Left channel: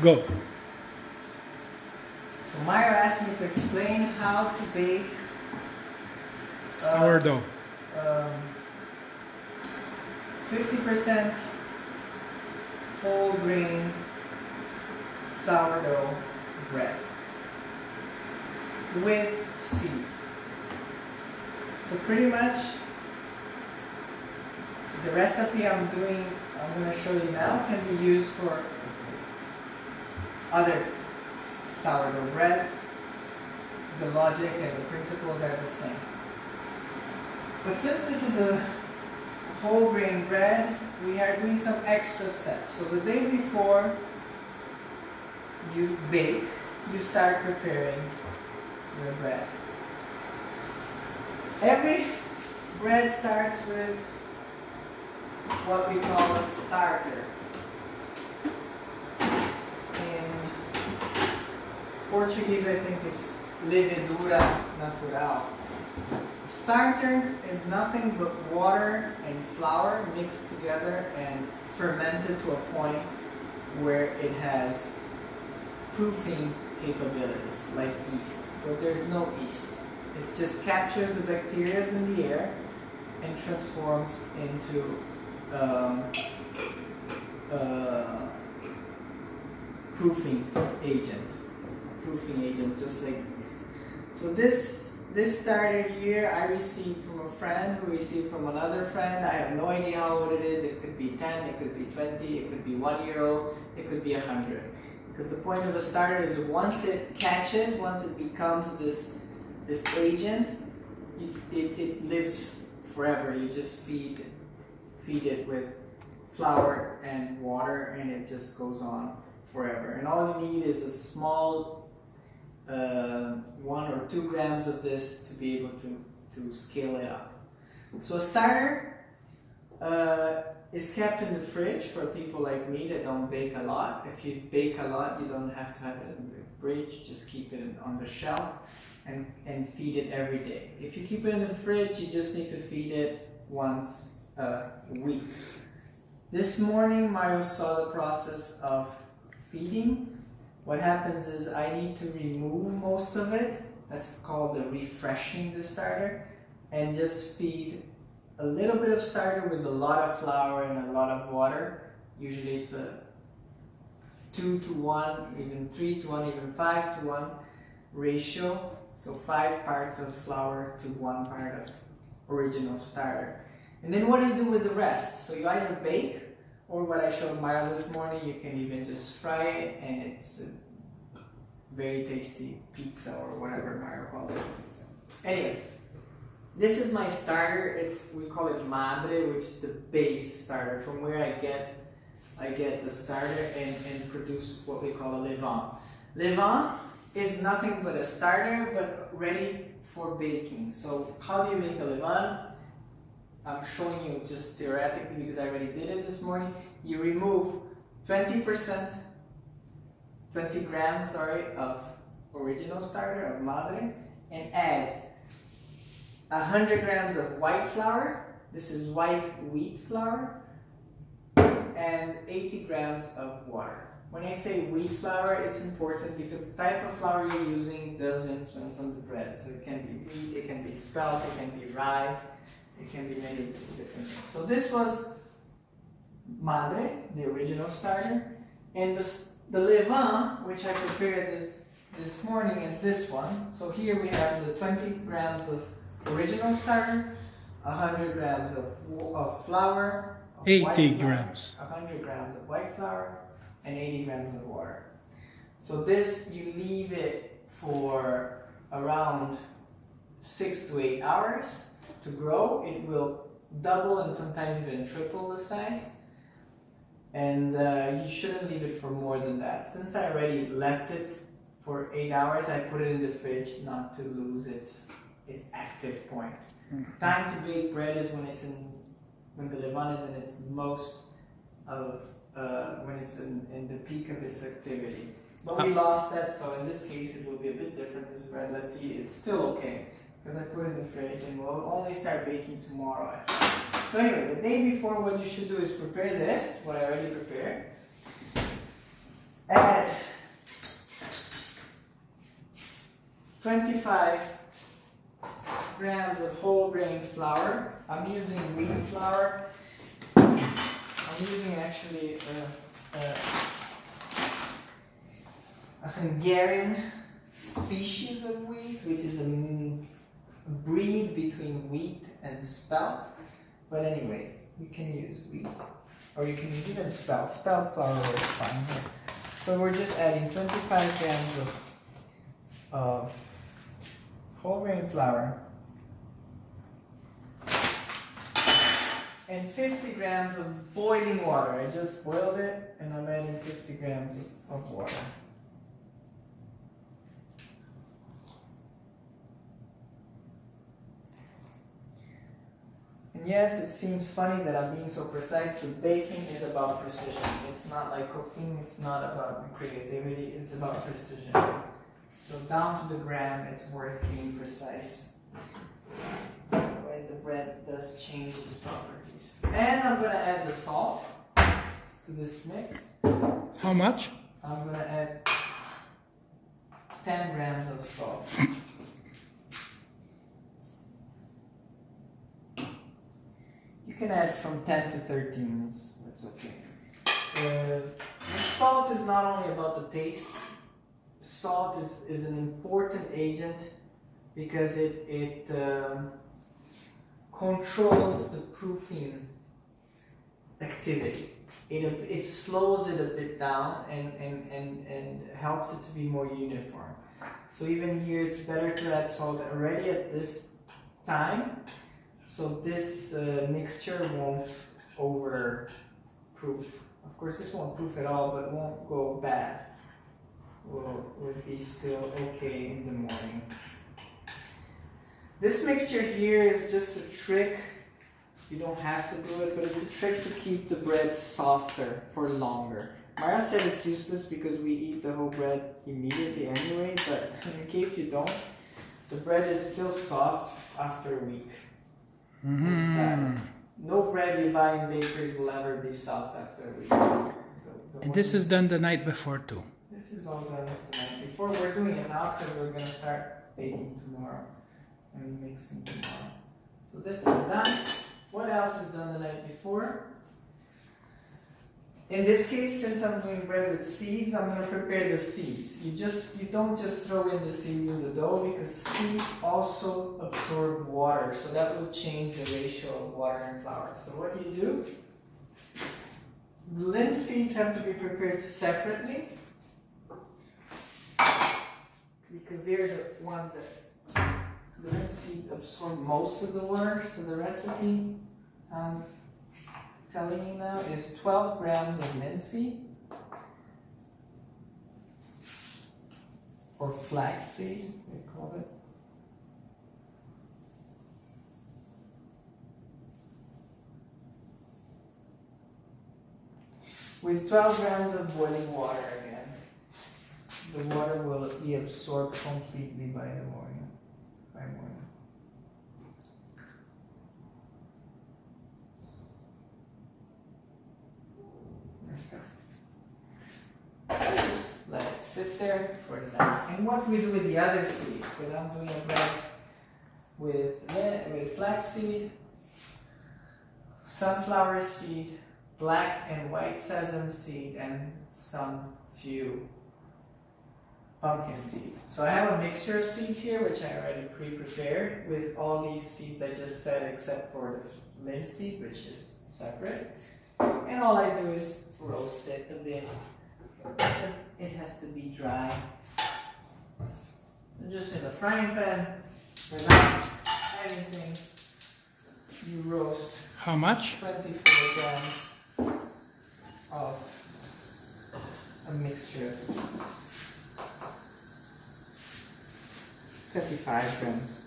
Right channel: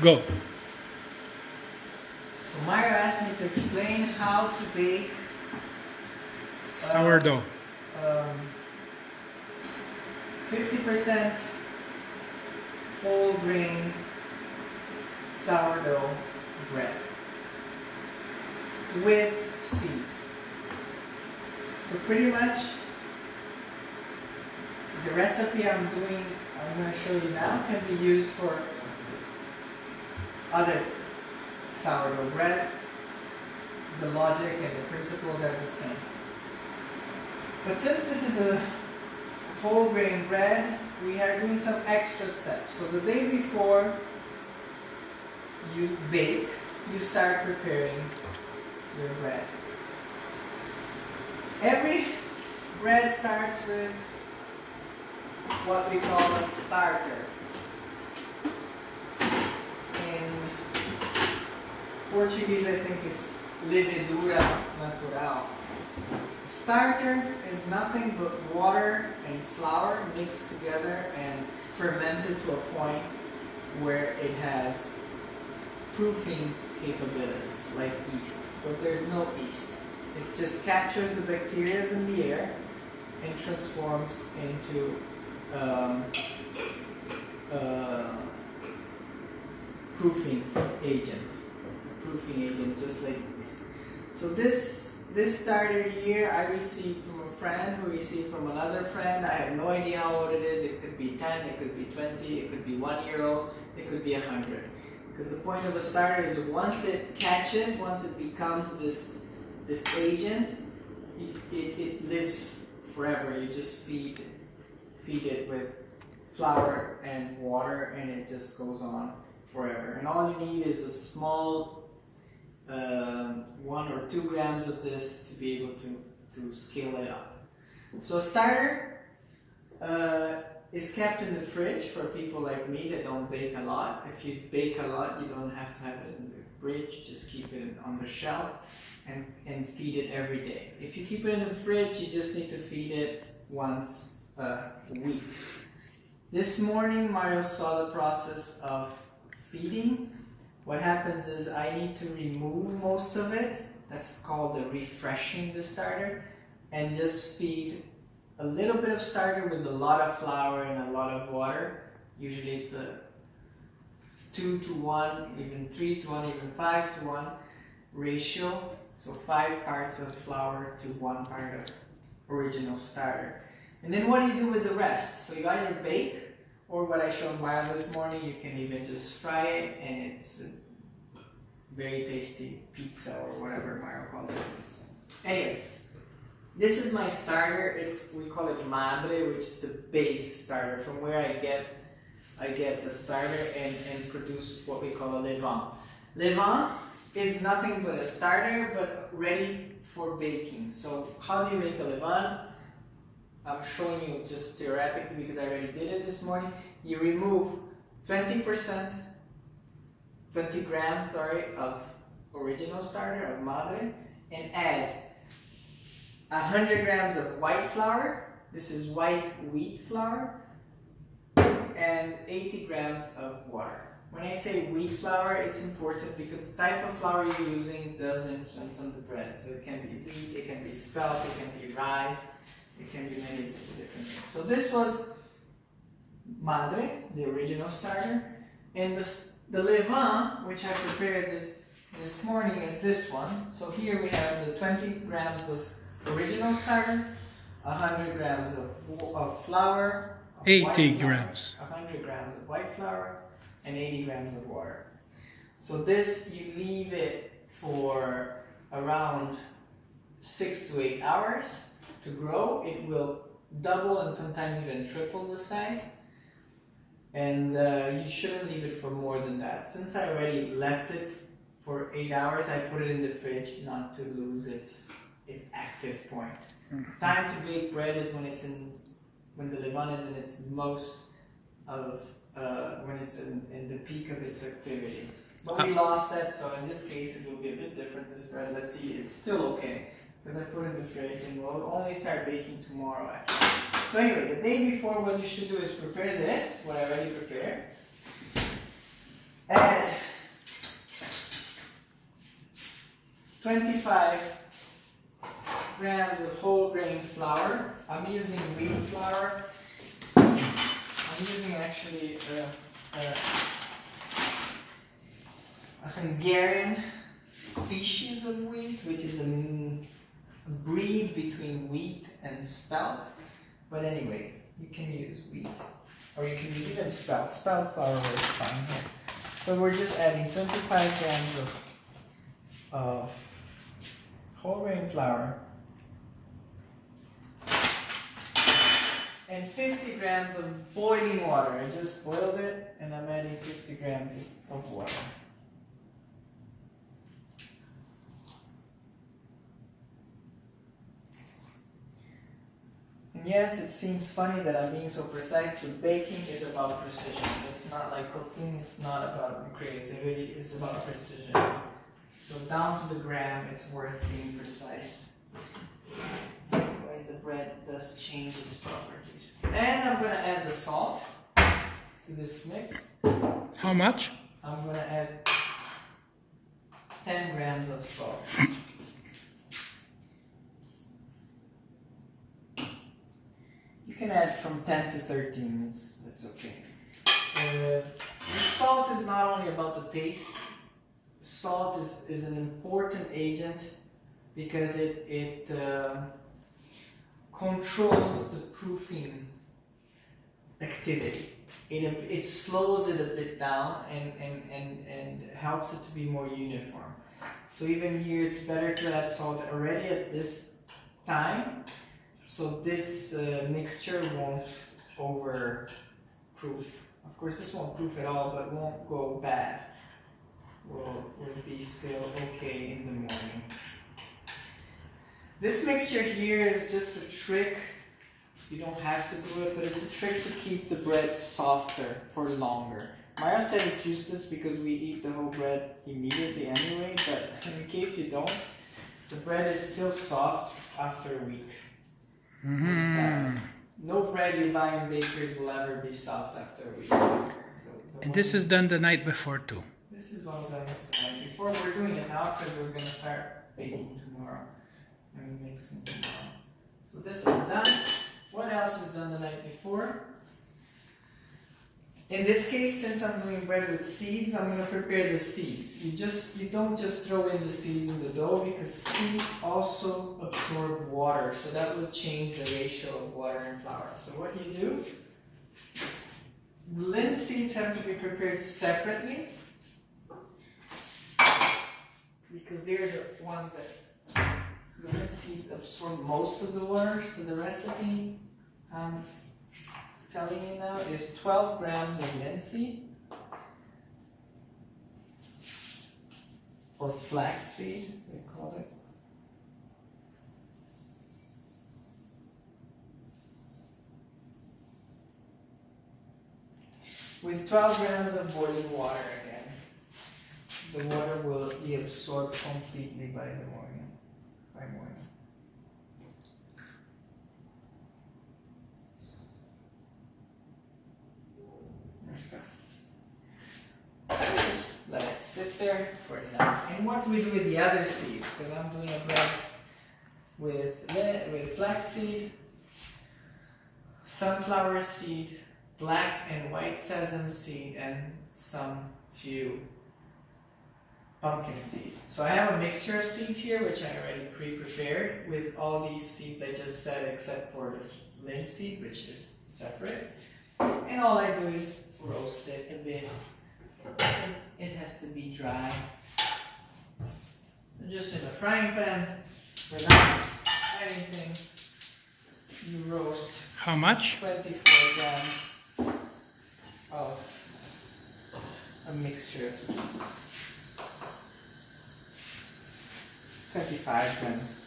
Go. So Myra asked me to explain how to bake Sourdough. 50% whole grain sourdough bread with seeds. So pretty much the recipe I'm going to show you now can be used for other sourdough breads. The logic and the principles are the same. But since this is a whole grain bread, we are doing some extra steps. So the day before you bake, you start preparing your bread. Every bread starts with what we call a starter. In Portuguese, I think it's levedura natural. Starter is nothing but water and flour mixed together and fermented to a point where it has proofing capabilities like yeast, but there's no yeast. It just captures the bacteria in the air and transforms into proofing agent, just like yeast. So this starter here I received from a friend who received from another friend. I have no idea how old it is. It could be 10, it could be 20, it could be 1 year old, it could be 100. Because the point of a starter is once it catches, once it becomes this agent, it lives forever. You just feed it with flour and water and it just goes on forever. And all you need is a small 1 or 2 grams of this to be able to scale it up. So a starter is kept in the fridge for people like me that don't bake a lot. If you bake a lot, you don't have to have it in the fridge. Just keep it on the shelf and feed it every day. If you keep it in the fridge, you just need to feed it once a week. This morning, Mario saw the process of feeding. What happens is I need to remove most of it. That's called the refreshing the starter, and just feed a little bit of starter with a lot of flour and a lot of water. Usually it's a 2 to 1, even 3 to 1, even 5 to 1 ratio. So 5 parts of flour to 1 part of original starter. And then what do you do with the rest? So you either bake, or what I showed Maya this morning, you can even just fry it, and it's a very tasty pizza or whatever Maya called it. Anyway, this is my starter. We call it madre, which is the base starter, from where I get the starter and produce what we call a levain. Levain is nothing but a starter, but ready for baking. So how do you make a levain? I'm showing you just theoretically because I already did it this morning. You remove 20 grams, of original starter, of madre, and add 100 grams of white flour. This is white wheat flour, and 80 grams of water. When I say wheat flour, it's important because the type of flour you're using does influence on the bread. So it can be wheat, it can be spelt, it can be rye. It can be many different things. So this was madre, the original starter, and the levain, which I prepared this morning, is this one. So here we have the 20 grams of original starter, 100 grams of flour, 80 grams, 100 grams of white flour, and 80 grams of water. So this, you leave it for around 6 to 8 hours. To grow. It will double and sometimes even triple the size, and you shouldn't leave it for more than that. Since I already left it for 8 hours, I put it in the fridge not to lose its active point. Time to bake bread is when the levain is in its most when it's in the peak of its activity. But we lost that, so in this case it will be a bit different. This bread, let's see, it's still okay. Because I put it in the fridge, and we'll only start baking tomorrow actually. So anyway, the day before, what you should do is prepare this, what I already prepared. Add 25 grams of whole grain flour. I'm using wheat flour. I'm using actually a Hungarian species of wheat, which is a breed between wheat and spelt. But anyway, you can use wheat, or you can use even spelt. Spelt flour works fine here. So we're just adding 25 grams of whole grain flour and 50 grams of boiling water. I just boiled it and I'm adding 50 grams of water. And yes, it seems funny that I'm being so precise, but baking is about precision. It's not like cooking, it's not about creativity, it's about precision. So down to the gram, it's worth being precise. Otherwise the bread does change its properties. And I'm gonna add the salt to this mix. How much? I'm gonna add 10 grams of salt. You can add from 10 to 13, it's okay. The salt is not only about the taste. Salt is an important agent because it controls the proofing activity. It slows it a bit down and helps it to be more uniform. So even here it's better to add salt already at this time, so this mixture won't over-proof. Of course this won't proof at all, but it won't go bad. Will be still okay in the morning. This mixture here is just a trick. You don't have to do it, but it's a trick to keep the bread softer for longer. Mara said it's useless because we eat the whole bread immediately anyway, but in case you don't, the bread is still soft after a week. No bread you buy in bakeries will ever be soft after a week. And this is done the night before too. This is all done the night before. We're doing it now because we're going to start baking tomorrow and mixing tomorrow. So this is done. What else is done the night before? In this case, since I'm doing bread with seeds, I'm going to prepare the seeds. You don't just throw in the seeds in the dough because seeds also absorb water. So that will change the ratio of water and flour. So what you do, the linseeds have to be prepared separately, because they're the ones that the linseeds absorb most of the water. So the recipe I'm telling you now is 12 grams of linseed or flaxseed, they call it. With 12 grams of boiling water again. The water will be absorbed completely by morning. Okay. Just let it sit there for now. And what we do with the other seeds, because I'm doing a bread with flaxseed, sunflower seed, black and white sesame seed, and some few pumpkin seed. So I have a mixture of seeds here, which I already pre-prepared with all these seeds I just said, except for the linseed, which is separate. And all I do is roast it a bit. It has to be dry. So just in a frying pan, without anything, you roast. How much? 24 grams of a mixture of seeds. 25 grams.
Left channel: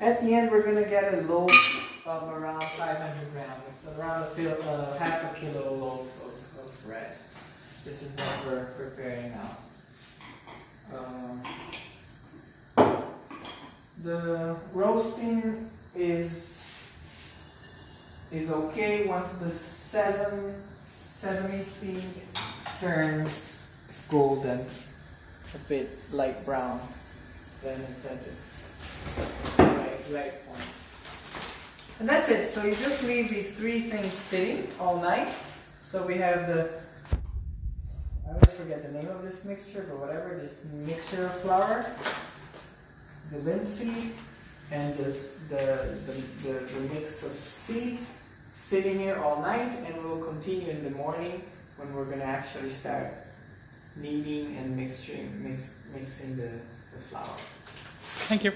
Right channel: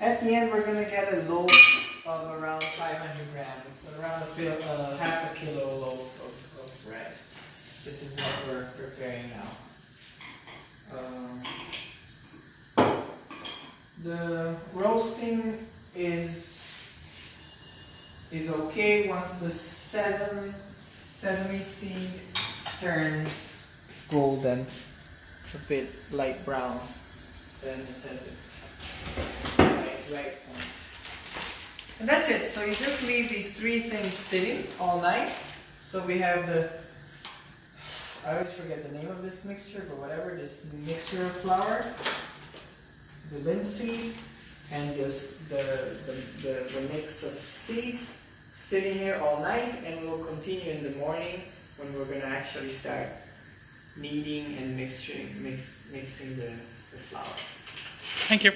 At the end, we're going to get a loaf of around 500 grams. It's around half a kilo loaf of bread. This is what we're preparing now. The roasting is is okay once the sesame seed turns golden, a bit light brown. Then it's at its right point. And that's it. So you just leave these three things sitting all night. So we have I always forget the name of this mixture, but whatever, this mixture of flour, the linseed, and the mix of seeds sitting here all night, and we'll continue in the morning when we're going to actually start kneading and mixing the flour. Thank you.